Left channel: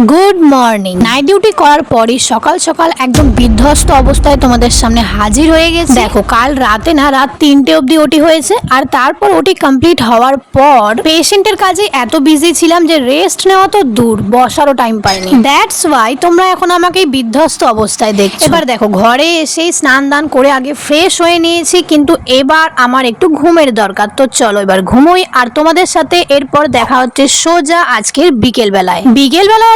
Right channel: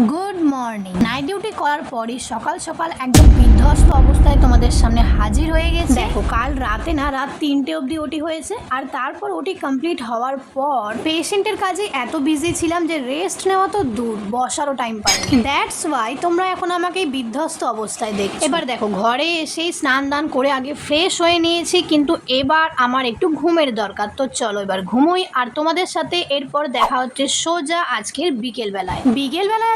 Good morning. Night duty করার পরই সকাল সকাল একদম বিধ্বস্ত অবস্থায় তোমাদের সামনে হাজির হয়ে গেছে। দেখো কাল রাতে না রাত 3টে অবধি ওটি হয়েছে, আর তারপর ওটি কমপ্লিট হওয়ার পর পেশেন্টের কাজে এত বিজি ছিলাম যে রেস্ট নেওয়া তো দূর, বসারও টাইম পাইনি। দ্যাটস ওয়াই তোমরা এখন আমাকে এই বিধ্বস্ত অবস্থায় দেখছো। এবার দেখো ঘরে এসেই স্নান দান করে আগে ফ্রেশ হয়ে নিয়েছি, কিন্তু এবার আমার একটু ঘুমের দরকার। তো চলো এবার ঘুমোই, আর তোমাদের সাথে এরপর দেখা হচ্ছে সোজা আজকের বিকেল বেলায়।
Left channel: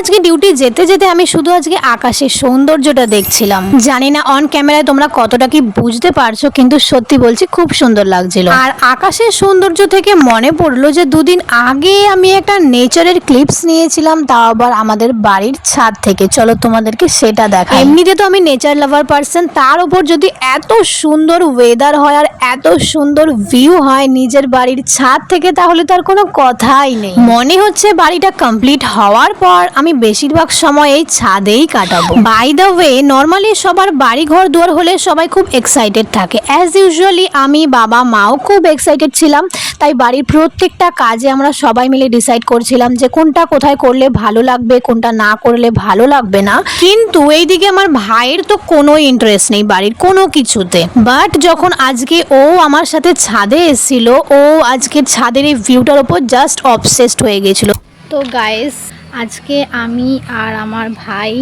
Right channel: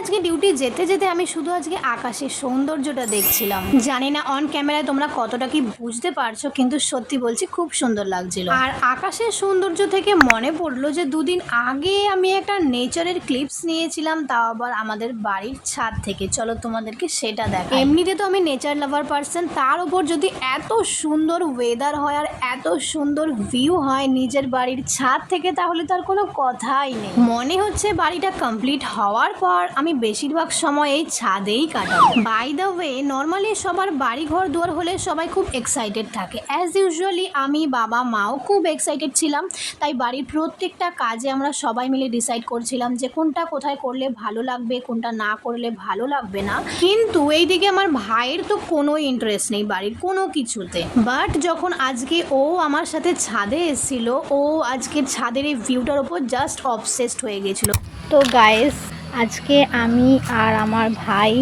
আজকে ডিউটি যেতে যেতে আমি শুধু আজকে আকাশের সৌন্দর্যটা দেখছিলাম। জানি না অন ক্যামেরায় তোমরা কতটা কি বুঝতে পারছো, কিন্তু সত্যি বলছি খুব সুন্দর লাগছিল। আর আকাশের সৌন্দর্য থেকে মনে পড়লো যে দুদিন আগে আমি একটা নেচারের ক্লিপস নিয়েছিলাম, তাও আবার আমাদের বাড়ির ছাদ থেকে। চলো তোমাদেরকে সেটা দেখাই। এমনিতে তো আমি নেচার লাভার পার্সন, তার উপর যদি এত সুন্দর ওয়েদার হয় আর এত সুন্দর ভিউ হয় নিজের বাড়ির ছাদ থেকে, তাহলে তার কোনো কথাই নেই। মনে হচ্ছে বাড়িটা কমপ্লিট হওয়ার পর আমি বেশিরভাগ সময় এই ছাদেই কাটাবো। বাই দ্য ওয়ে, নর্মালি সবার বাড়ি ঘর দুয়ার হলে সবাই খুব এক্সাইটেড থাকে। অ্যাজ ইউজুয়ালি আমি বাবা মাও খুব এক্সাইটেড ছিলাম, তাই বাড়ির প্রত্যেকটা কাজে আমরা সবাই মিলে ডিসাইড করছিলাম যে কোনটা কোথায় করলে ভালো লাগবে, কোনটা না করলে ভালো লাগবে না। কিন্তু এইদিকে আমার ভাইয়ের তো কোনো ইন্টারেস্ট নেই বাড়ির কোনো কিছুতে। বাট যখন আজকে ও আমার সাথে ছাদে এসেছিল, ও আজকে ছাদের এই ভিউটার ওপর জাস্ট অবসেসড হয়ে গেছিল। তো গাইস, আজকে আমি আর আমার ভাই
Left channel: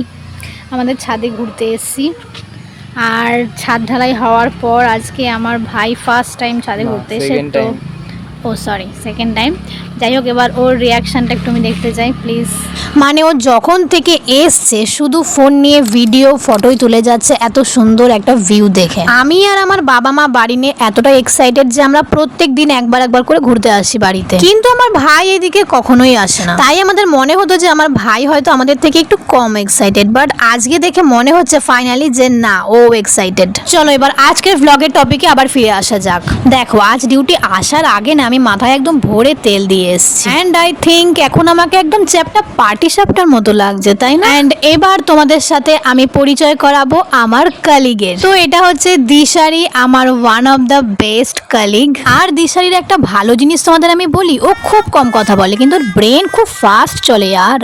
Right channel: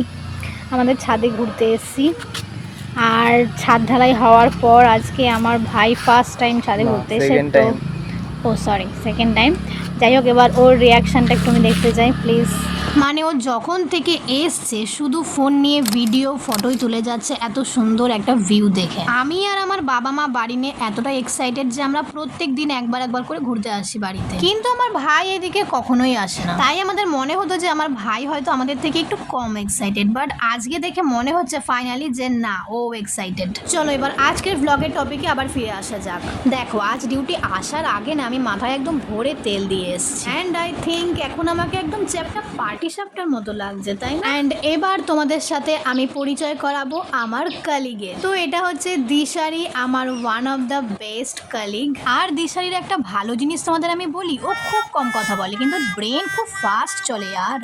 আমাদের ছাদে ঘুরতে এসেছি, আর ছাদ ঢালাই হওয়ার পর আজকে আমার ভাই ফার্স্ট টাইম ছাদে ঘুরতে এসে, তো সেকেন্ড টাইম। যাই হোক, এবার ওর রিয়াকশানটা একটু আমি দেখতে চাই প্লিজ। মানে ও যখন থেকে এসছে শুধু ফোন নিয়ে ভিডিও ফটোই তুলে যাচ্ছে এত সুন্দর একটা ভিউ দেখে। আমি আর আমার বাবা মা বাড়ি নিয়ে এতটা এক্সাইটেড যে আমরা প্রত্যেক দিন একবার করে ঘুরতে আসি বাড়িতে, কিন্তু আমার ভাই এদিকে কখনোই আসে না। তাই আমাদের মনে হতো যে আমার ভাই হয়তো আমাদের থেকে একটু কম এক্সাইটেড, বাট আজকে দেখে মনে হচ্ছে ফাইনালি যে না, ও এক্সাইটেড। চলো এবার আজকের ভ্লগের টপিকে আবার ফিরে আসা যাক। দেখো আজ ডিউটি আসার আগে না আমি মাথায় একদম ভরে তেল দিয়ে এসেছি, অ্যান্ড আই থিঙ্ক এখন আমাকে একদম চ্যাপটা পার্টি সাপটার মতো লাগছে, তাই না? অ্যান্ড এবার তোমাদের সাথে আমি পরিচয় করাবো আমার কালিগের। তো এটা হচ্ছে দিশারি, আমার one of the best colleague. আর দিশারির একটা ভালো জিনিস তোমাদের আমি বলি, ও খুব কম কথা বলে কিন্তু ওর ব্রেন খুব ফাস্ট চলে। আর